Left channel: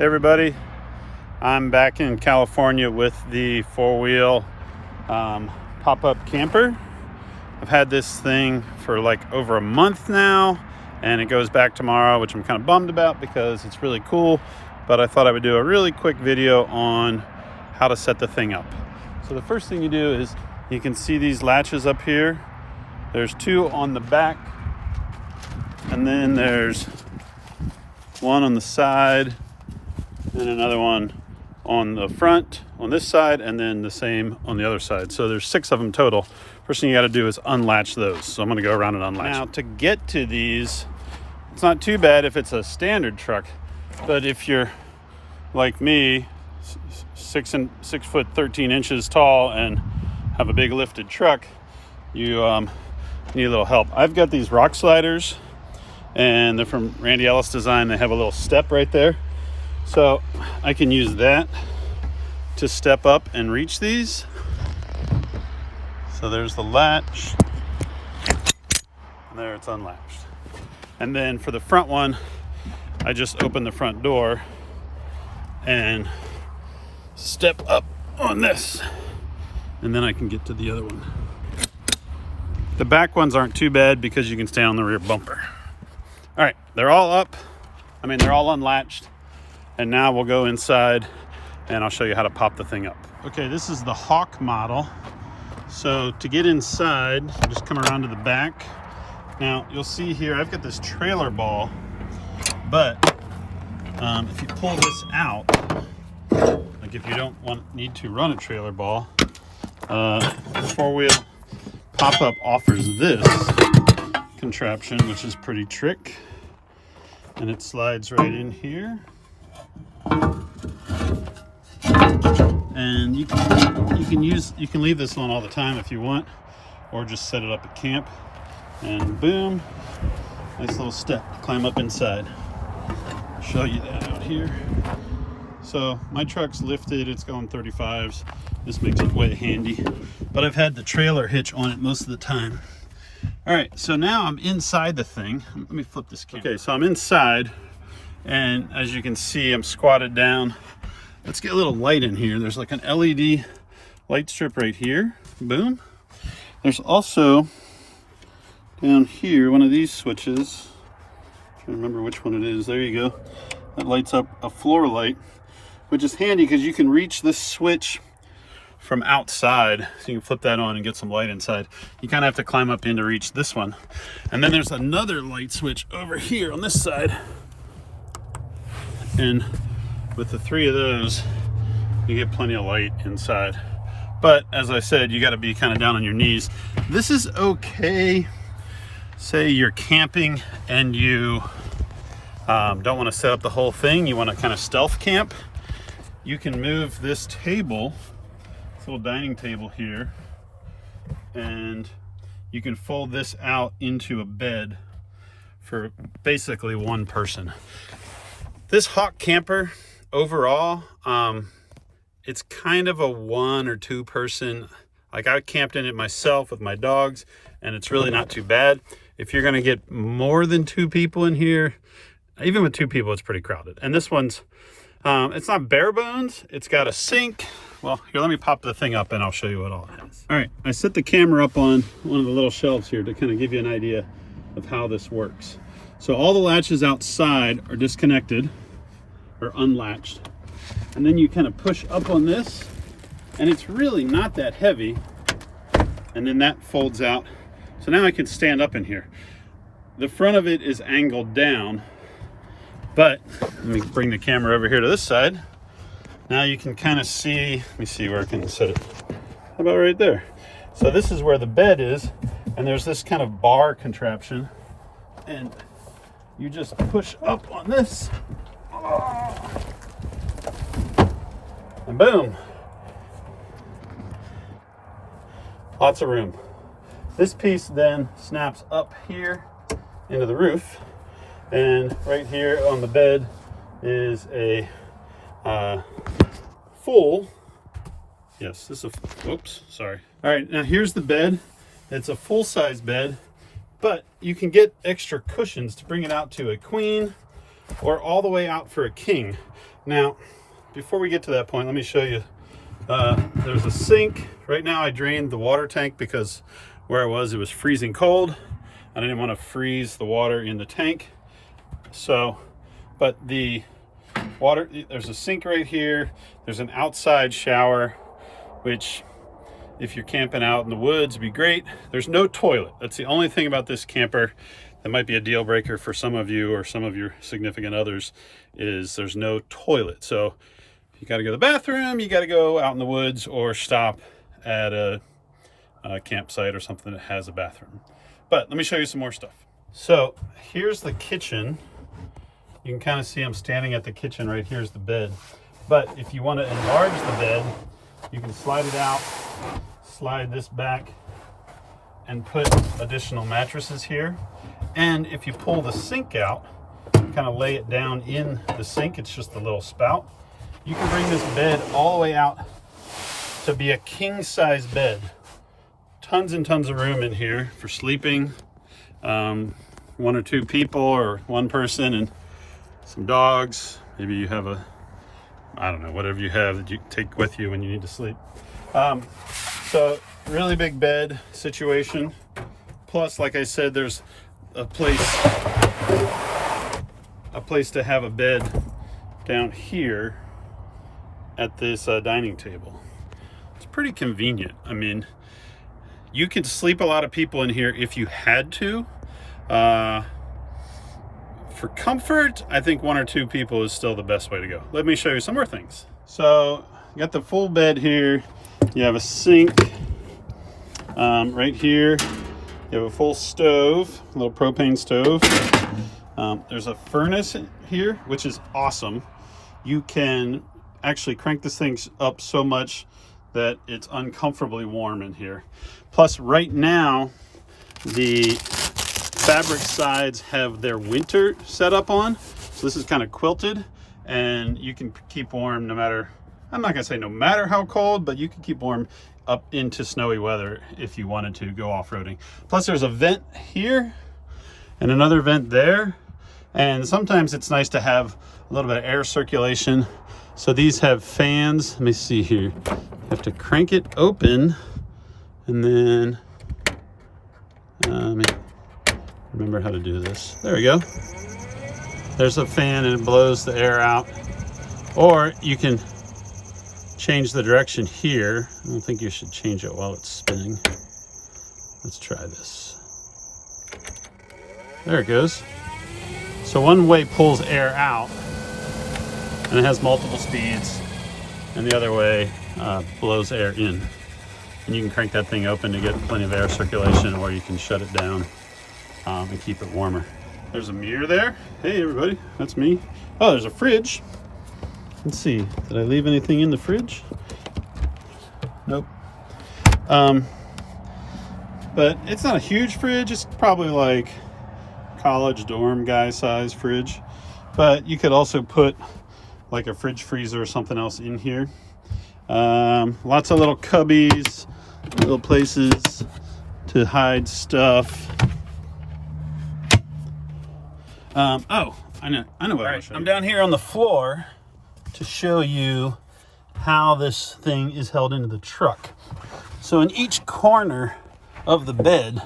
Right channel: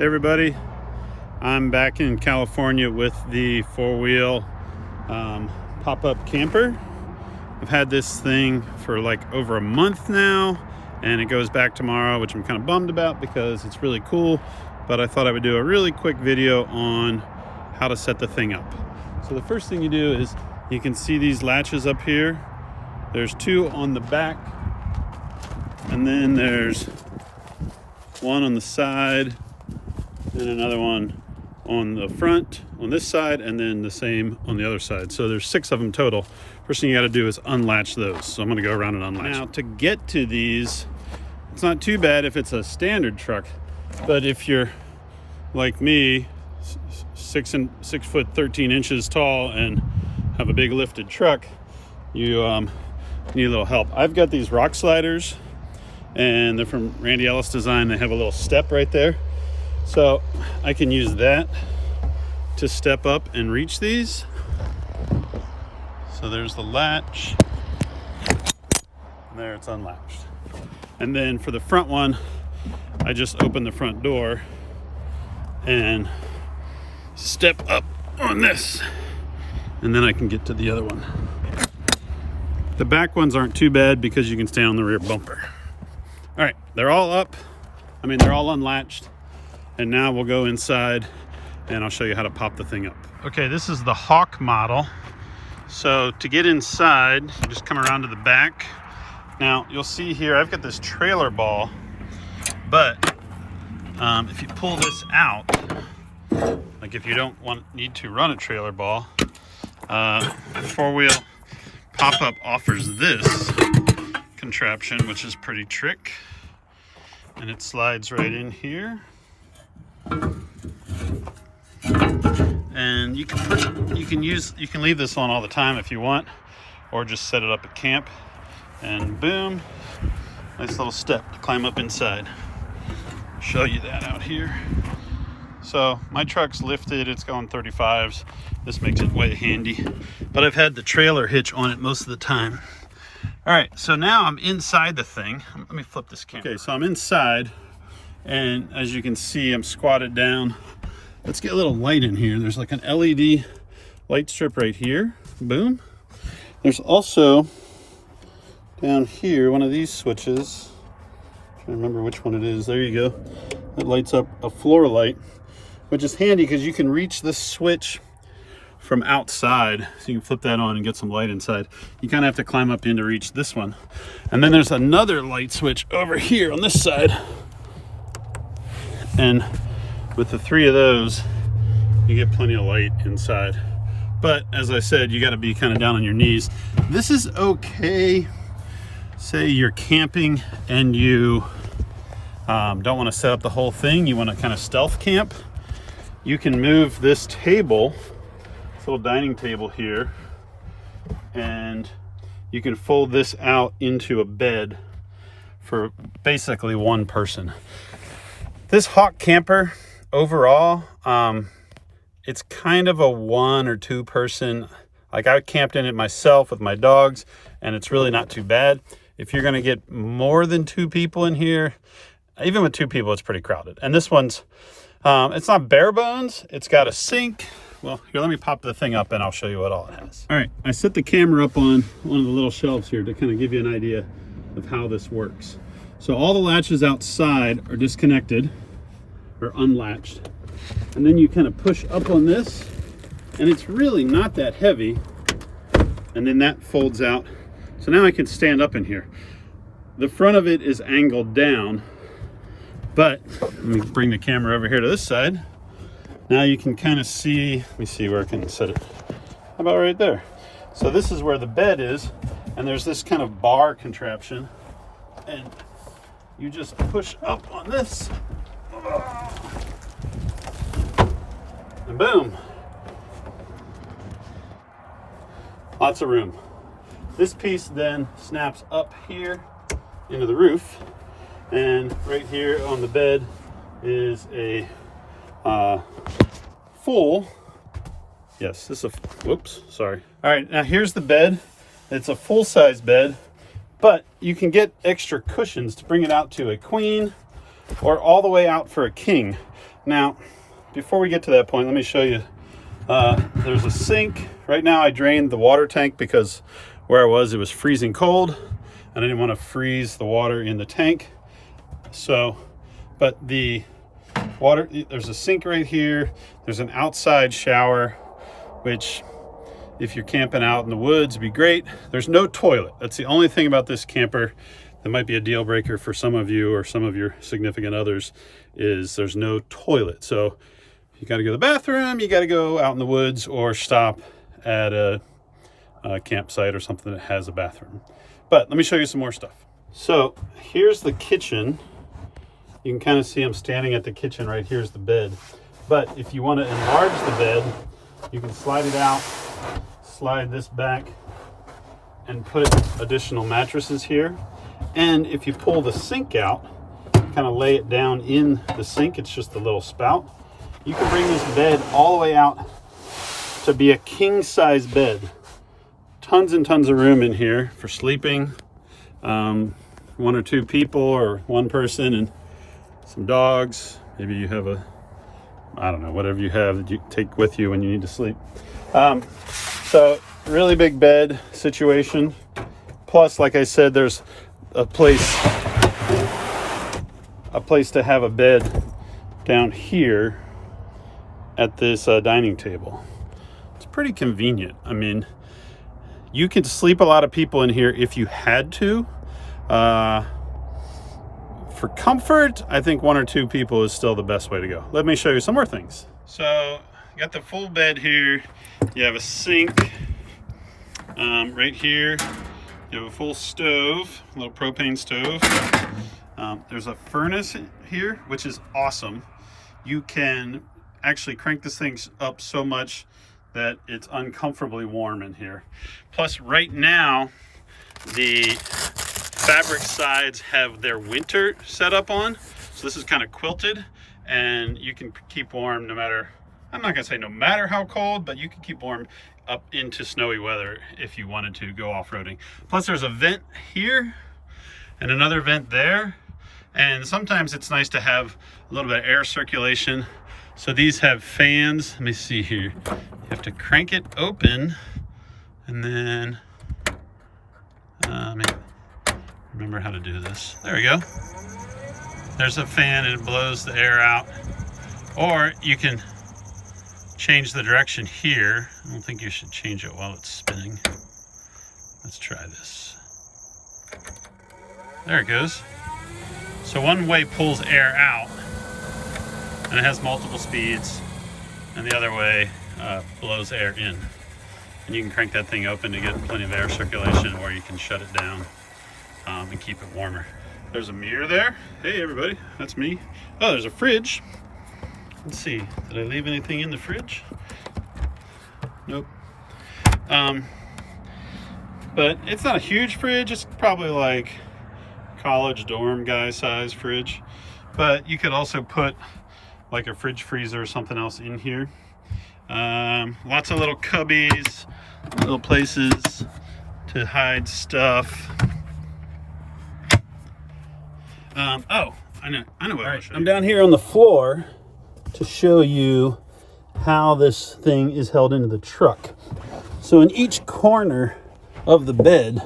Hey everybody, I'm back in California with the four-wheel pop-up camper. I've had this thing for like over a month now, and it goes back tomorrow, which I'm kind of bummed about because it's really cool, but I thought I would do a really quick video on how to set the thing up. So the first thing you do is you can see these latches up here. There's two on the back, and then there's one on the side and another one on the front on this side, and then the same on the other side. So there's 6 of them total. First thing you got to do is unlatch those. So I'm going to go around and unlatch. Now to get to these, it's not too bad if it's a standard truck, but if you're like me, 6 foot 13 inches tall and have a big lifted truck, you need a little help. I've got these rock sliders, and they're from Randy Ellis Design. They have a little step right there, so I can use that to step up and reach these. So there's the latch, and there it's unlatched. And then for the front one, I just open the front door and step up on this, and then I can get to the other one. The back ones aren't too bad because you can stay on the rear bumper. All right, they're all up. They're all unlatched. And now we'll go inside and I'll show you how to pop the thing up. Okay, this is the Hawk model. So to get inside, you just come around to the back. Now you'll see here, I've got this trailer ball, but if you pull this out, like if you don't need to run a trailer ball, four-wheel pop-up offers this contraption, which is pretty trick, and it slides right in here. And you can leave this on all the time if you want, or just set it up at camp, and boom, nice little step to climb up inside. I'll show you that out here. So my truck's lifted, it's going 35s. This makes it way handy, but I've had the trailer hitch on it most of the time. All right, so now I'm inside the thing. Let me flip this camera. Okay, so I'm inside, and as you can see, I'm squatted down. Let's get a little light in here. There's like an LED light strip right here. Boom. There's also down here one of these switches. I'm trying to remember which one it is. There you go. That lights up a floor light, which is handy because you can reach this switch from outside. So you can flip that on and get some light inside. You kind of have to climb up in to reach this one. And then there's another light switch over here on this side. And with the 3 of those, you get plenty of light inside. But as I said, you got to be kind of down on your knees. This is okay. Say you're camping and you don't want to set up the whole thing. You want to kind of stealth camp. You can move this table, this little dining table here, and you can fold this out into a bed for basically one person. This Hawk camper, overall, it's kind of a 1 or 2 person. Like I camped in it myself with my dogs, and it's really not too bad. If you're gonna get more than 2 people in here, even with 2 people, it's pretty crowded. And this one's, it's not bare bones. It's got a sink. Well, here, let me pop the thing up and I'll show you what all it has. All right, I set the camera up on one of the little shelves here to kind of give you an idea of how this works. So all the latches outside are disconnected or unlatched. And then you kind of push up on this, and it's really not that heavy. And then that folds out. So now I can stand up in here. The front of it is angled down, but let me bring the camera over here to this side. Now you can kind of see, let me see where I can set it. How about right there? So this is where the bed is, and there's this kind of bar contraption, and you just push up on this. And boom, lots of room. This piece then snaps up here into the roof, and right here on the bed is a full, yes, this is a, whoops, sorry. All right, now here's the bed. It's a full-size bed, but you can get extra cushions to bring it out to a queen or all the way out for a king. Now, before we get to that point, let me show you. There's a sink. Right now I drained the water tank because where I was, it was freezing cold. I didn't want to freeze the water in the tank. So, but the water, there's a sink right here. There's an outside shower, which if you're camping out in the woods, would be great. There's no toilet. That's the only thing about this camper that might be a deal breaker for some of you or some of your significant others, is there's no toilet. So you got to go to the bathroom, you got to go out in the woods or stop at a campsite or something that has a bathroom. But let me show you some more stuff. So here's the kitchen. You can kind of see I'm standing at the kitchen. Right here's the bed. But if you want to enlarge the bed, you can slide it out, slide this back, and put additional mattresses here. And if you pull the sink out, kind of lay it down in the sink, it's just a little spout, you can bring this bed all the way out to be a king size bed. Tons and tons of room in here for sleeping. 1 or 2 people or 1 person and some dogs. Maybe you have I don't know, whatever you have that you take with you when you need to sleep. So really big bed situation. Plus, like I said, there's a place to have a bed down here at this dining table. It's pretty convenient. I mean, you could sleep a lot of people in here if you had to. For comfort, I think 1 or 2 people is still the best way to go. Let me show you some more things. So you got the full bed here. You have a sink right here. You have a full stove, a little propane stove. There's a furnace here, which is awesome. You can actually crank this thing up so much that it's uncomfortably warm in here. Plus, right now, the fabric sides have their winter set up on. So this is kind of quilted, and you can keep warm no matter, I'm not gonna say no matter how cold, but you can keep warm up into snowy weather if you wanted to go off-roading. Plus there's a vent here and another vent there. And sometimes it's nice to have a little bit of air circulation. So these have fans. Let me see here. You have to crank it open and then, let me remember how to do this. There we go. There's a fan and it blows the air out. Or you can change the direction here. I don't think you should change it while it's spinning. Let's try this. There it goes. So one way pulls air out and it has multiple speeds, and the other way blows air in. And you can crank that thing open to get plenty of air circulation, or you can shut it down and keep it warmer. There's a mirror there. Hey everybody, that's me. Oh, there's a fridge. Let's see, did I leave anything in the fridge? Nope. But it's not a huge fridge. It's probably like college dorm guy size fridge. But you could also put like a fridge freezer or something else in here. Lots of little cubbies, little places to hide stuff. Oh, I know what I want to show you. I'm down here on the floor to show you how this thing is held into the truck. So in each corner of the bed,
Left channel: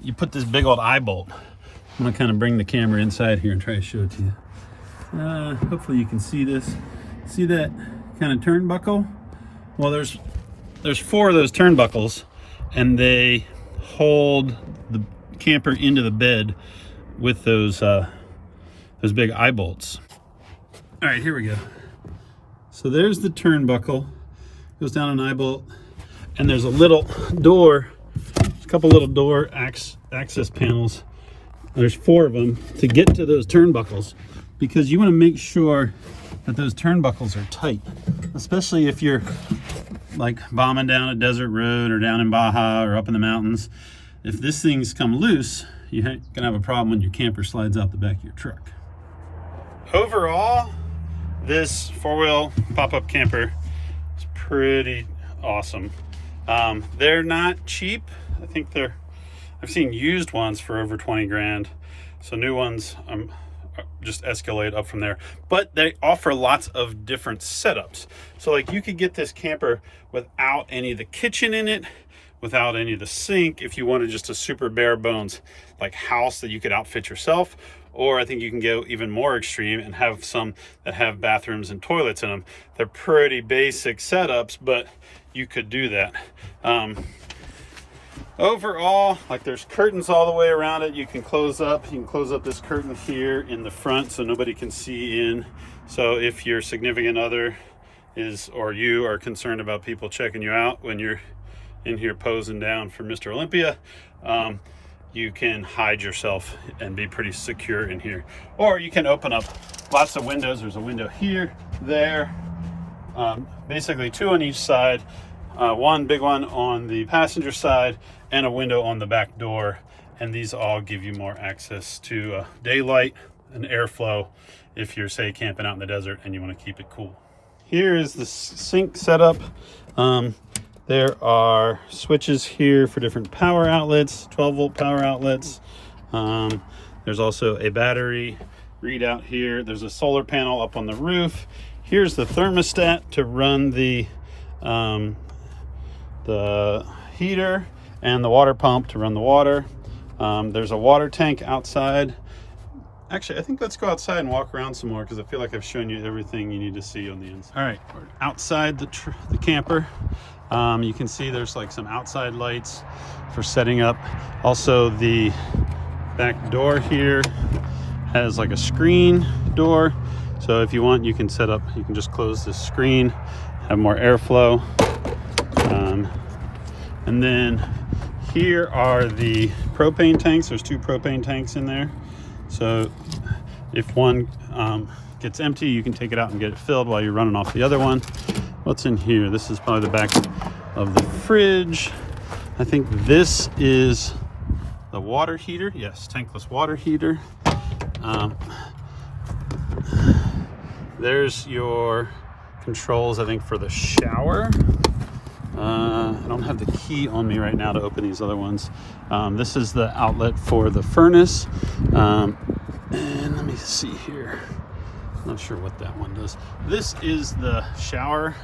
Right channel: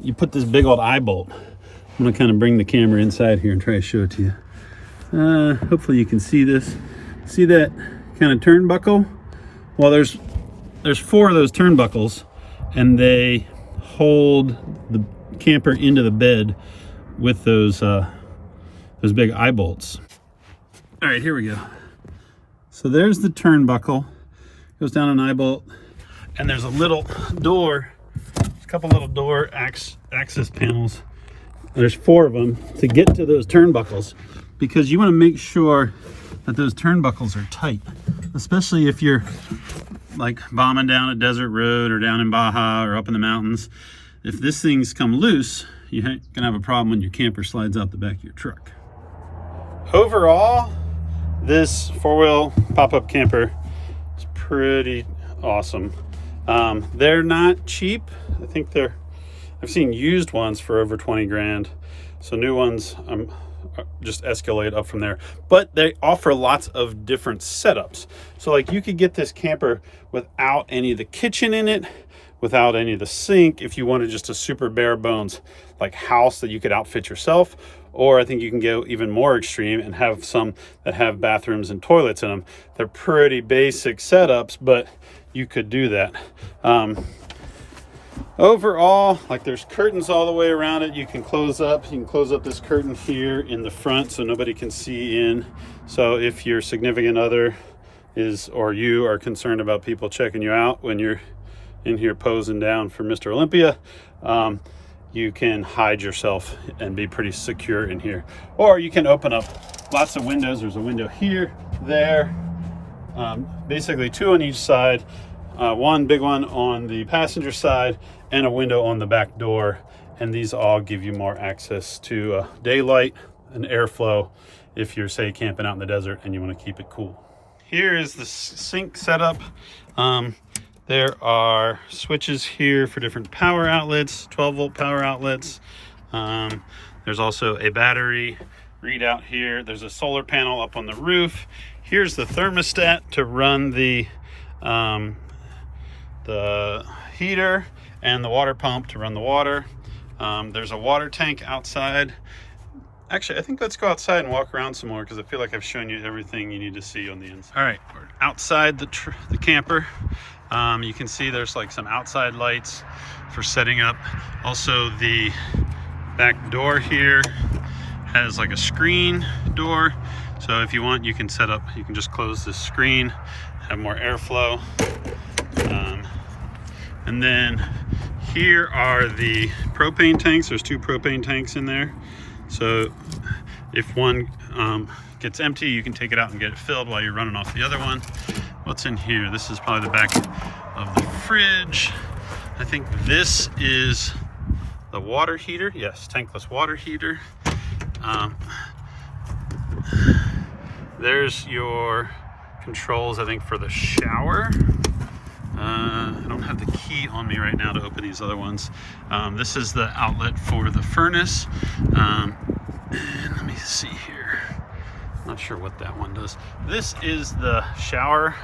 you put this big old eye bolt. I'm gonna kind of bring the camera inside here and try to show it to you. Hopefully you can see this. See that kind of turnbuckle? Well, there's 4 of those turnbuckles, and they hold the camper into the bed with those big eye bolts. All right, here we go. So there's the turnbuckle, goes down an eye bolt, and there's a little door, a couple little door access panels. There's 4 of them to get to those turnbuckles, because you want to make sure that those turnbuckles are tight, especially if you're like bombing down a desert road or down in Baja or up in the mountains. If this thing's come loose, you're gonna have a problem when your camper slides out the back of your truck. Overall, this 4-wheel pop-up camper is pretty awesome. They're not cheap. I think I've seen used ones for over 20 grand. So new ones just escalate up from there. But they offer lots of different setups. So like you could get this camper without any of the kitchen in it, without any of the sink, if you wanted just a super bare bones like house that you could outfit yourself. Or I think you can go even more extreme and have some that have bathrooms and toilets in them. They're pretty basic setups, but you could do that. Overall, like there's curtains all the way around it. You can close up this curtain here in the front so nobody can see in. So if your significant other is, or you are concerned about people checking you out when you're in here posing down for Mr. Olympia, you can hide yourself and be pretty secure in here. Or you can open up lots of windows. There's a window here, there, basically 2 on each side, one big one on the passenger side and a window on the back door. And these all give you more access to daylight and airflow if you're, say, camping out in the desert and you want to keep it cool. Here is the sink setup. There are switches here for different power outlets, 12-volt power outlets. There's also a battery readout here. There's a solar panel up on the roof. Here's the thermostat to run the heater and the water pump to run the water. There's a water tank outside. Actually, I think let's go outside and walk around some more because I feel like I've shown you everything you need to see on the inside. All right, we're outside the camper. You can see there's like some outside lights for setting up. Also, the back door here has like a screen door. So if you want, you can set up, you can just close this screen, have more airflow. And then here are the propane tanks. There's 2 propane tanks in there. So if one gets empty, you can take it out and get it filled while you're running off the other one. What's in here? This is probably the back of the fridge. I think this is the water heater. Yes, tankless water heater. There's your controls, I think, for the shower. I don't have the key on me right now to open these other ones. This is the outlet for the furnace. And let me see here. I'm not sure what that one does. This is the shower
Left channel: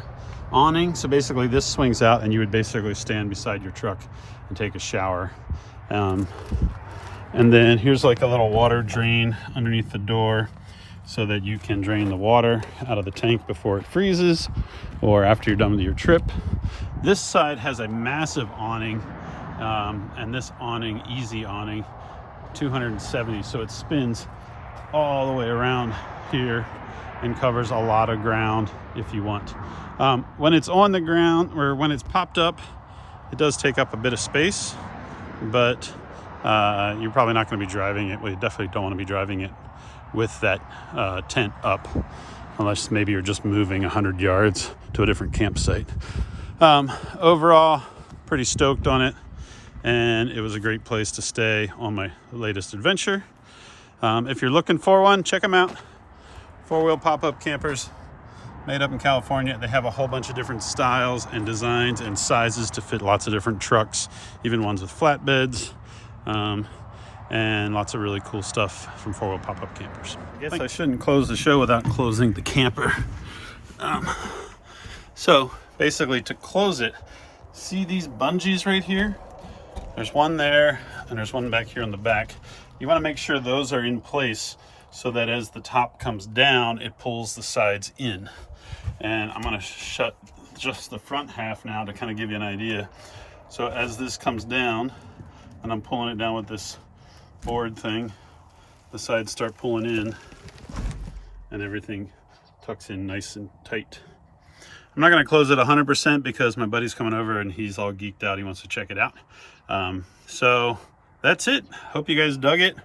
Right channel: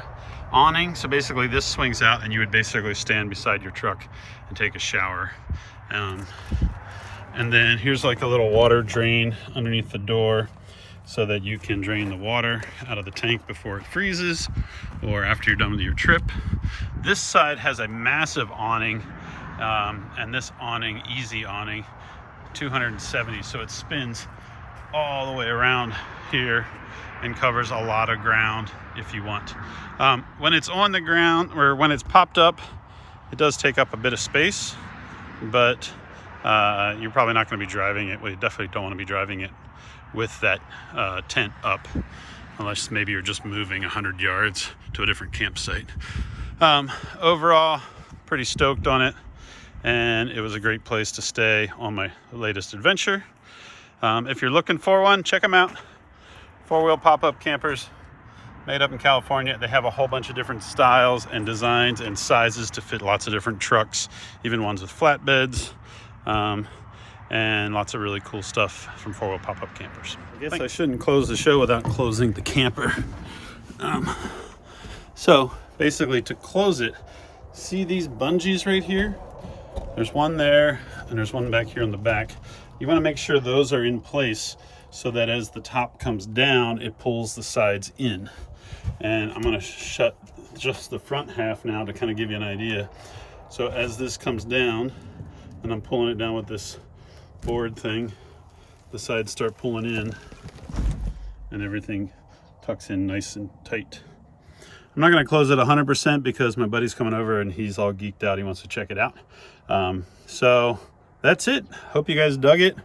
awning. So basically this swings out and you would basically stand beside your truck and take a shower. And then here's like a little water drain underneath the door so that you can drain the water out of the tank before it freezes or after you're done with your trip. This side has a massive awning, and this awning, easy awning, 270, so it spins all the way around here and covers a lot of ground if you want. When it's on the ground, or when it's popped up, it does take up a bit of space, but you're probably not going to be driving it. Well, you definitely don't want to be driving it with that tent up, unless maybe you're just moving 100 yards to a different campsite. Overall, pretty stoked on it, and it was a great place to stay on my latest adventure. If you're looking for one, check them out. 4-wheel pop-up campers made up in California. They have a whole bunch of different styles and designs and sizes to fit lots of different trucks, even ones with flatbeds, and lots of really cool stuff from 4-wheel pop-up campers. I guess I shouldn't close the show without closing the camper. So basically, to close it, see these bungees right here? There's one there and there's one back here on the back. You want to make sure those are in place so that as the top comes down, it pulls the sides in. And I'm going to shut just the front half now to kind of give you an idea. So as this comes down, and I'm pulling it down with this board thing, the sides start pulling in and everything tucks in nice and tight. I'm not going to close it 100% because my buddy's coming over and he's all geeked out. He wants to check it out. So that's it. Hope you guys dug it.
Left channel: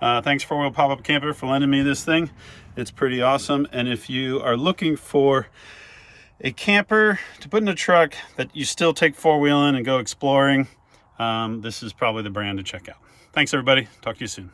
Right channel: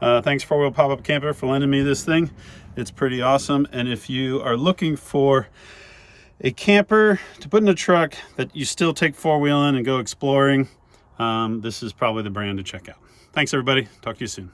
Thanks 4-wheel pop-up camper for lending me this thing. It's pretty awesome. And if you are looking for a camper to put in a truck that you still take 4-wheeling and go exploring, this is probably the brand to check out. Thanks everybody. Talk to you soon.